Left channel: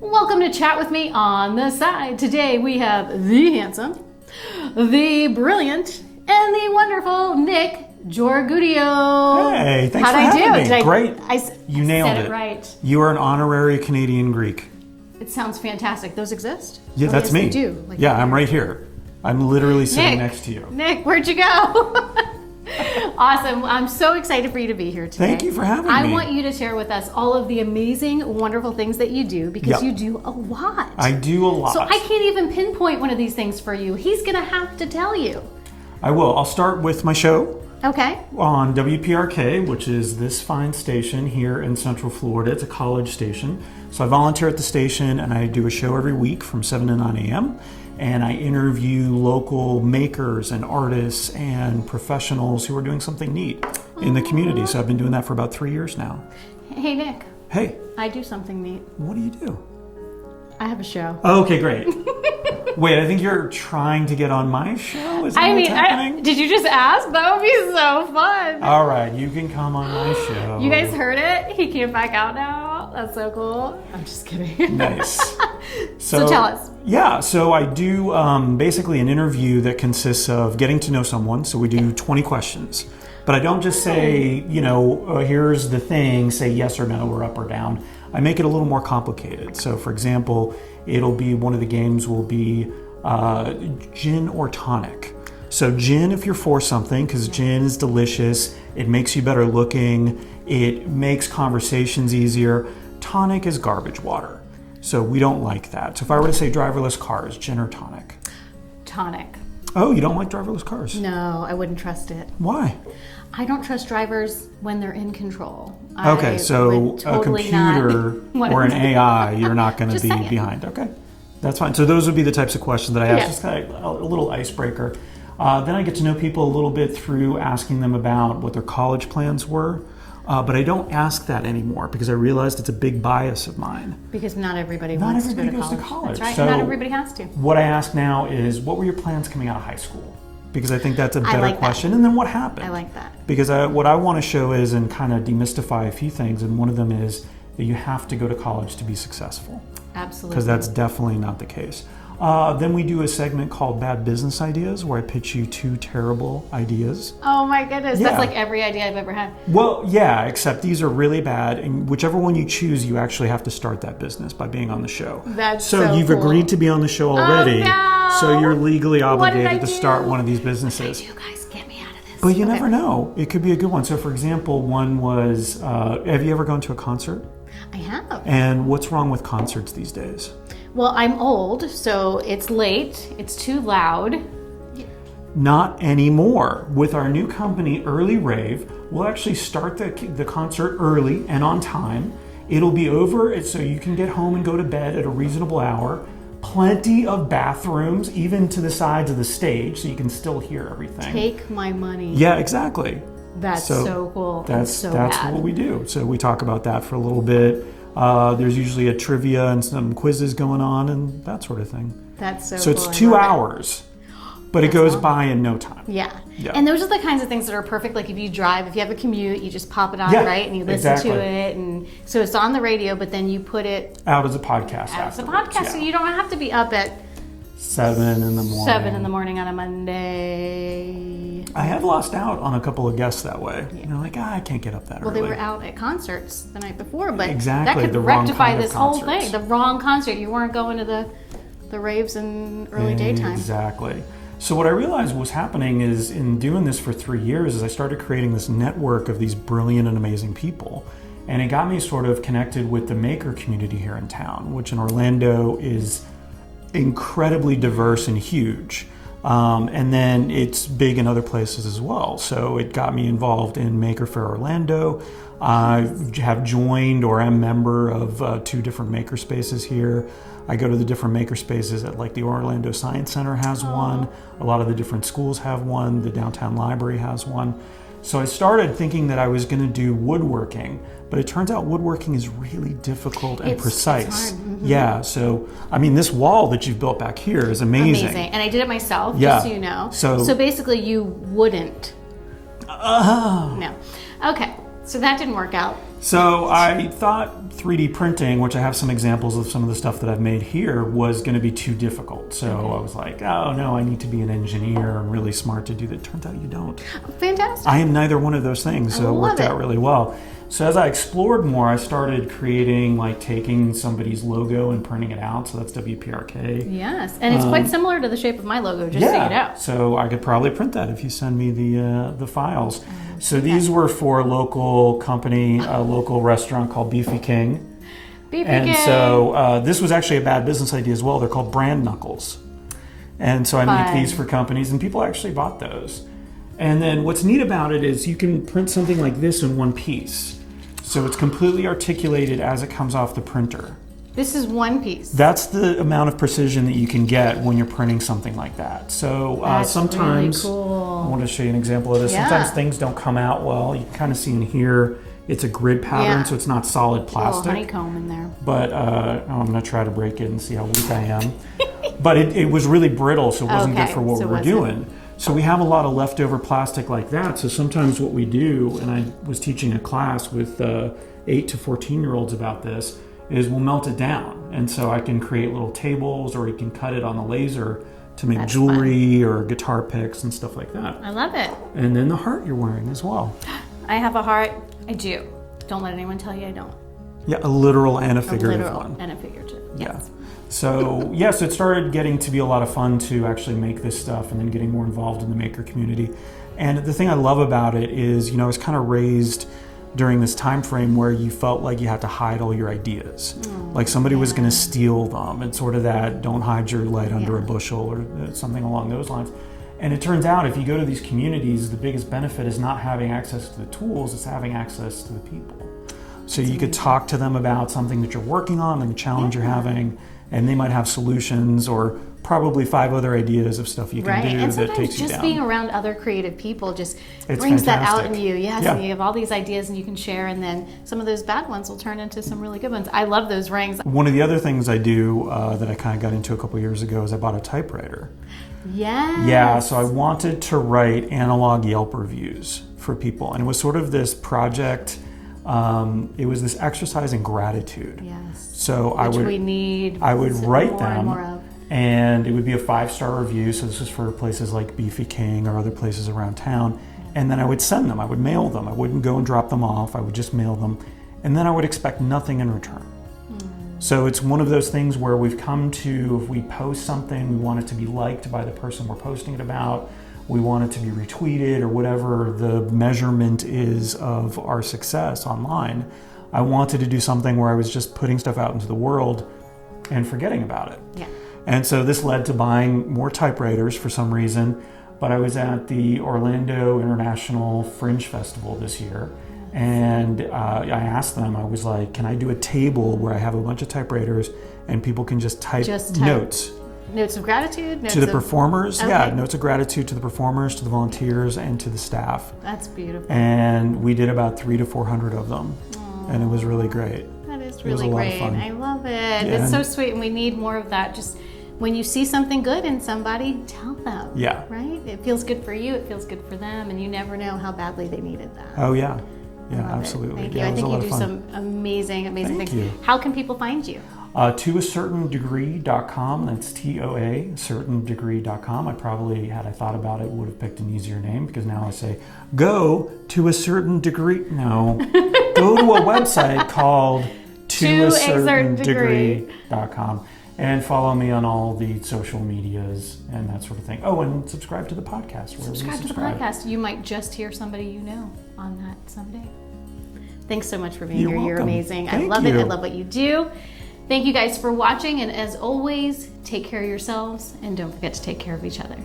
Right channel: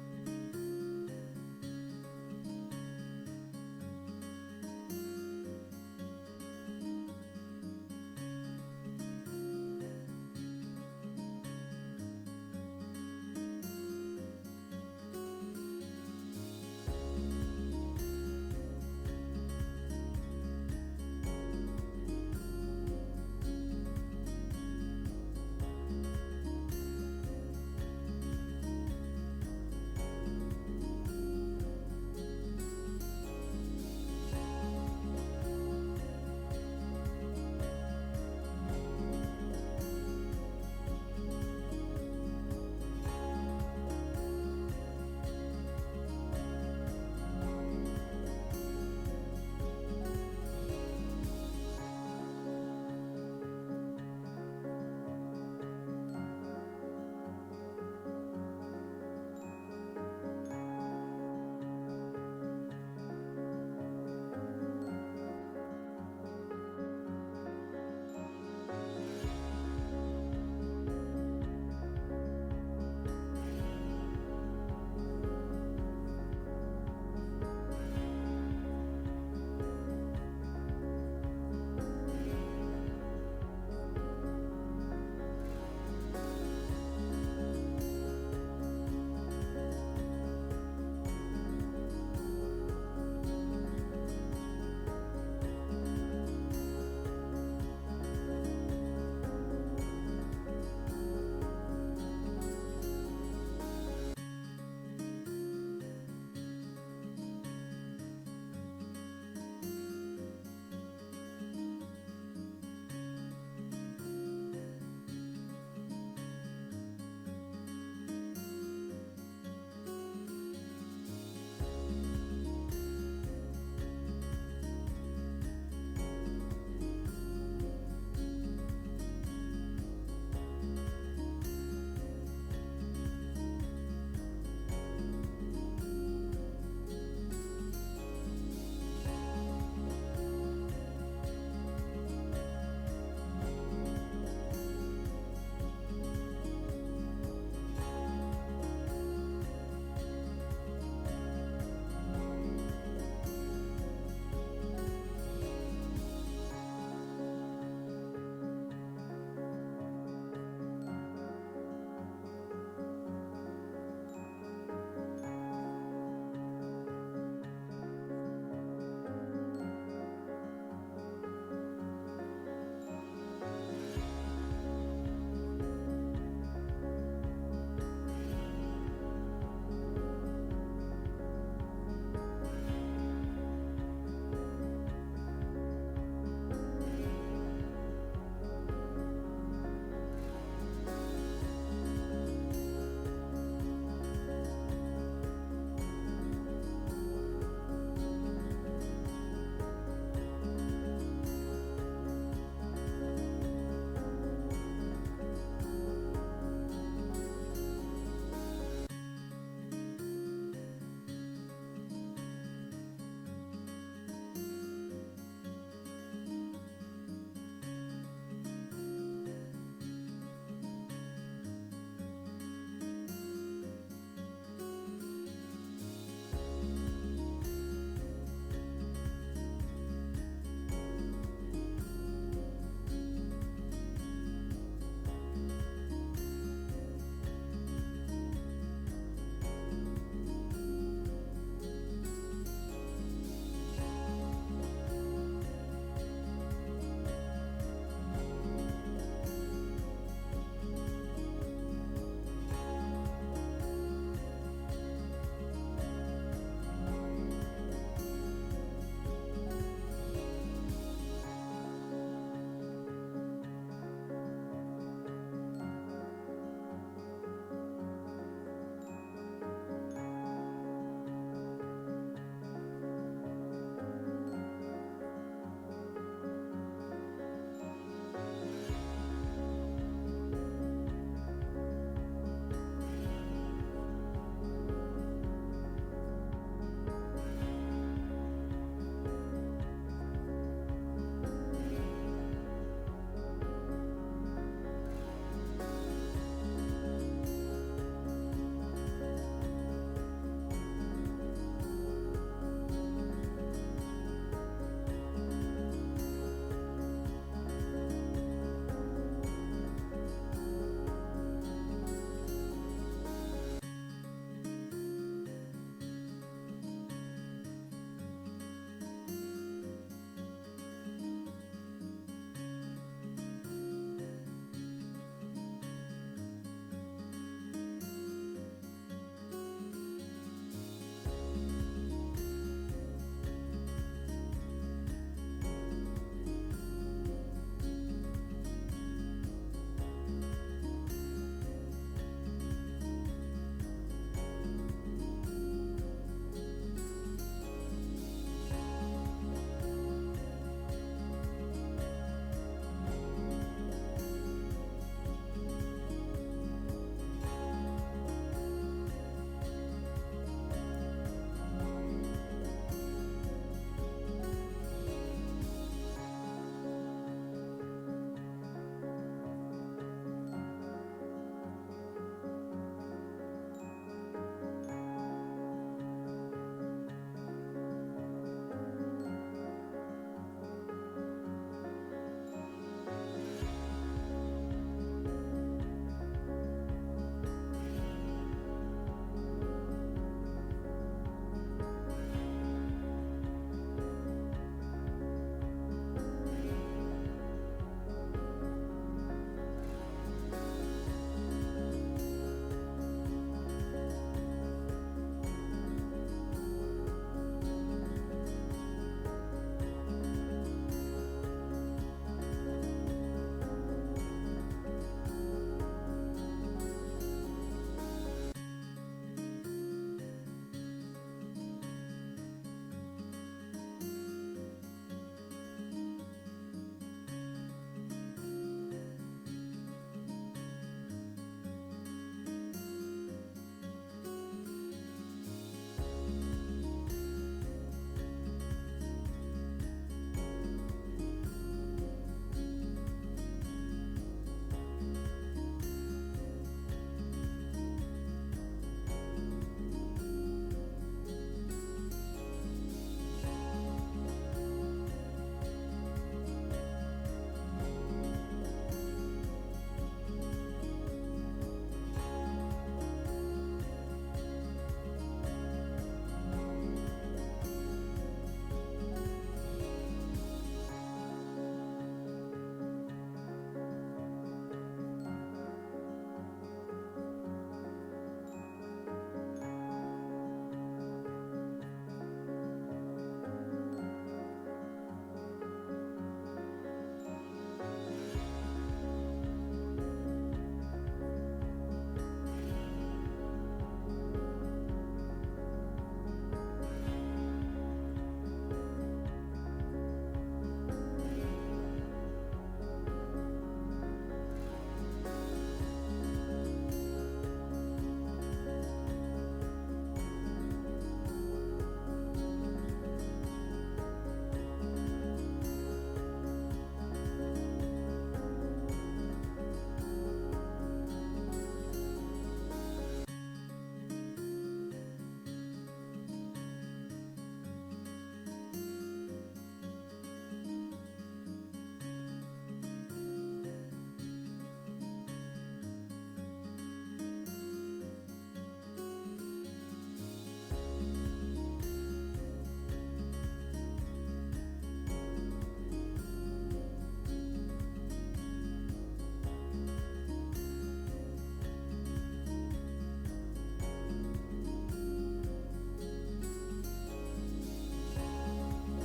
Welcome to Chat With Me on the Side. Today we have the handsome, the brilliant, and the wonderful Nick Georgoudiou. Hey, thanks for having me. Great. You nailed said it right. You are an honorary Canadian Greek. It sounds fantastic. Those exist? Yeah, that's yes, me. They do. Yeah, I'm right here. I'm literally sitting Nick, next to you. Nick, where'd you go? Awesome. I'm so excited for you to be here today. Thank you for having me. I want you to share with us all of the amazing, wonderful things that you do because you do a lot. I do a lot. So I can't even pinpoint one of these things for you. He's going to have to tell you. I will. I'll start with my show. Okay. On WPRK, which is this fine station here in Central Florida. It's a college station. So I volunteer at the station and I do a show every week from 7 to 9 a.m. And I interview local makers and artists and professionals who are doing something neat in the community. So I've been doing that for about 3 years now. Hey, Nick. Hey. I do something neat. What do you do? I have a show. Oh, okay, great. Wait, I think you're trying to get on my show? Is that what's happening? Did you just ask? That would be so fun. All right, you can come on my show. You guys heard it? He came back out now. That's so cool. I'm just kidding. Nice. So tell us. Yeah, so I do basically an interview that consists of getting to know someone. So we do 20 questions. But I don't just say, here's the thing, say yes or no or up or down. I make it a little more complicated. So for example, it'll be one of the games will be gin or tonic. So gin if you're for something, because gin is delicious. It makes you better looking. It makes conversations easier. Tonic is garbage water. So we don't like that. So if I were to say driverless cars, gin or tonic? Tonic. Oh, you don't like driverless cars? No, I wouldn't trust it. Why? I don't trust drivers when they're in control. Okay, so a computer or an AI, you're not going to be behind. Okay, that's fine. So those would be the types of questions that I ask, just kind of a little icebreaker. Then I get to know people a little bit through asking them about what their college plans were. But I don't ask that anymore because I realized it's a big bias of mine. Because not everybody wants to go to college. That's right, so not everybody has to. What I ask now is, what were your plans coming out of high school? Because I think that's a better question. And then what happened? I like that. Because what I want to show is and kind of demystify a few things. And one of them is that you have to go to college to be successful. Absolutely. Because that's definitely not the case. Then we do a segment called Bad Business Ideas where I pitch you 2 terrible ideas. Oh my goodness, that's like every idea I've ever had. Well, yeah, except these are really bad, and whichever one you choose, you actually have to start that business by being on the show. That's so you've agreed to be on the show already, no. So you're legally obligated to start one of these businesses. You guys get me out of this. But you never know. It could be a good one. So for example, one was, have you ever gone to a concert? I have. And what's wrong with concerts these days? Well, I'm old, so it's late, it's too loud. Not anymore. With our new company, Early Rave, we'll actually start the concert early and on time. It'll be over so you can get home and go to bed at a reasonable hour. Plenty of bathrooms, even to the sides of the stage, so you can still hear everything. Take my money. Yeah, exactly. That's so cool. That's bad. what we do. So we talk about that for a little bit. There's usually a trivia and some quizzes going on and that sort of thing. That's so So cool. it's 2 hours, but it goes by in no time. Yeah. And those are the kinds of things that are perfect. Like if you drive, if you have a commute, you just pop it on, right? And you listen to it. And so it's on the radio, but then you put it out as a podcast. As a podcast. So you don't have to be up at 7 in the morning. 7 in the morning on a Monday. I have lost out on a couple of guests that way. They're like, I can't get up that early. Well, they were out at concerts the night before, but exactly, that could rectify this whole thing. The wrong concert. You weren't going to the raves in early daytime. Exactly. So what I realized was happening is in doing this for 3 years is I started creating this network of these brilliant and amazing people. And it got me sort of connected with the maker community here in town, which in Orlando is incredibly diverse and huge. And then it's big in other places as well. So it got me involved in Maker Faire Orlando. I have joined or am member of 2 different maker spaces here. I go to the different maker spaces at like the Orlando Science Center has one. A lot of the different schools have one. The downtown library has one. So I started thinking that I was going to do woodworking, but it turns out woodworking is really difficult and precise. It's hard. Mm-hmm. Yeah, so I mean, this wall that you've built back here is amazing. Amazing, and I did it myself, just so you know. So basically, you wouldn't. No. Okay, so that didn't work out. So I thought 3D printing, which I have some examples of some of the stuff that I've made here, was going to be too difficult. So I was like, oh no, I need to be an engineer and really smart to do that. Turns out you don't. Fantastic. I am neither one of those things, so it worked out really well. So as I explored more, I started creating, like taking somebody's logo and printing it out. So that's WPRK. Yes, and it's quite similar to the shape of my logo, just so you know. So I could probably print that if you send me the files. So these were for a local company, a local restaurant called Beefy King. And so this was actually a bad business idea as well. They're called brand knuckles. And so I make these for companies, and people actually bought those. And then what's neat about it is you can print something like this in one piece. So it's completely articulated as it comes off the printer. This is one piece. That's the amount of precision that you can get when you're printing something like that. So sometimes, really cool. I want to show you an example of this. Yeah. Sometimes things don't come out well. You can kind of see in here, it's a grid pattern, so it's not solid plastic. A little honeycomb in there. But I'm going to try to break it and see how weak I am. But it was really brittle, so it wasn't good for what we were doing. So we have a lot of leftover plastic like that. So sometimes what we do, and I was teaching a class with 8 to 14-year-olds about this, is we'll melt it down. And so I can create little tables, or you can cut it on the laser to make jewelry or guitar picks and stuff like that. I love it. And then the heart you're wearing as well. I have a heart. I do. Don't let anyone tell you I don't. Yeah, a literal and a figurative one. And a figurative. Yes. Yeah. So yes, it started getting to be a lot of fun to actually make this stuff, and then getting more involved in the maker community. And the thing I love about it is, I was kind of raised during this time frame where you felt like you had to hide all your ideas. Like somebody was going to steal them, and sort of that don't hide your light under a bushel, or something along those lines. And it turns out if you go to these communities, the biggest benefit is not having access to the tools, it's having access to the people. So you could talk to them about something that you're working on and the challenge you're having, and they might have solutions or probably 5 other ideas of stuff you can do and that takes you down. just being around other creative people just It's brings fantastic. that out in you. Yes, and you have all these ideas and you can share, and then some of those bad ones will turn into some really good ones. I love those rings. One of the other things I do that I kind of got into a couple years ago is I bought a typewriter. Yes. Yeah, so I wanted to write analog Yelp reviews for people, and it was sort of this project. It was this exercise in gratitude. Yes. So I would write them, and it would be a 5-star review. So this was for places like Beefy King or other places around town. And then I would send them. I would mail them. I wouldn't go and drop them off. I would just mail them, and then I would expect nothing in return. So it's one of those things where we've come to, if we post something, we want it to be liked by the person we're posting it about. We want it to be retweeted, or whatever the measurement is of our success online. I wanted to do something where I was just putting stuff out into the world and forgetting about it. Yeah. And so this led to buying more typewriters for some reason. But I was at the Orlando International Fringe Festival this year, and I asked them, I was like, can I do a table where I have a bunch of typewriters and people can just type notes? Notes of gratitude? To the performers, notes of gratitude to the performers, to the volunteers, and to the staff. That's beautiful. And we did about 300 to 400 of them, and it was really great. That is really great. I love it. Yeah. It's so sweet, and we need more of that. Just when you see something good in somebody, tell them. Yeah. Right? It feels good for you, it feels good for them, and you never know how badly they needed that. Oh, yeah. Yeah, absolutely. Thank you. I think you do some amazing things. You. How can people find you? ToACertainDegree.com. That's TOA, certaindegree.com. I probably, had I thought about it, would have picked an easier name, because now I say, go to a certain degree. No, go to a website called ToACertainDegree.com. And follow me on all the social medias and that sort of thing. Oh, and subscribe to the podcast. Subscribe to the podcast. You might just hear somebody you know on that someday. Thanks so much for being here. Welcome. You're amazing. Thank I love you. it. I love what you do. Thank you guys for watching. And as always, take care of yourselves and don't forget to take care of each other.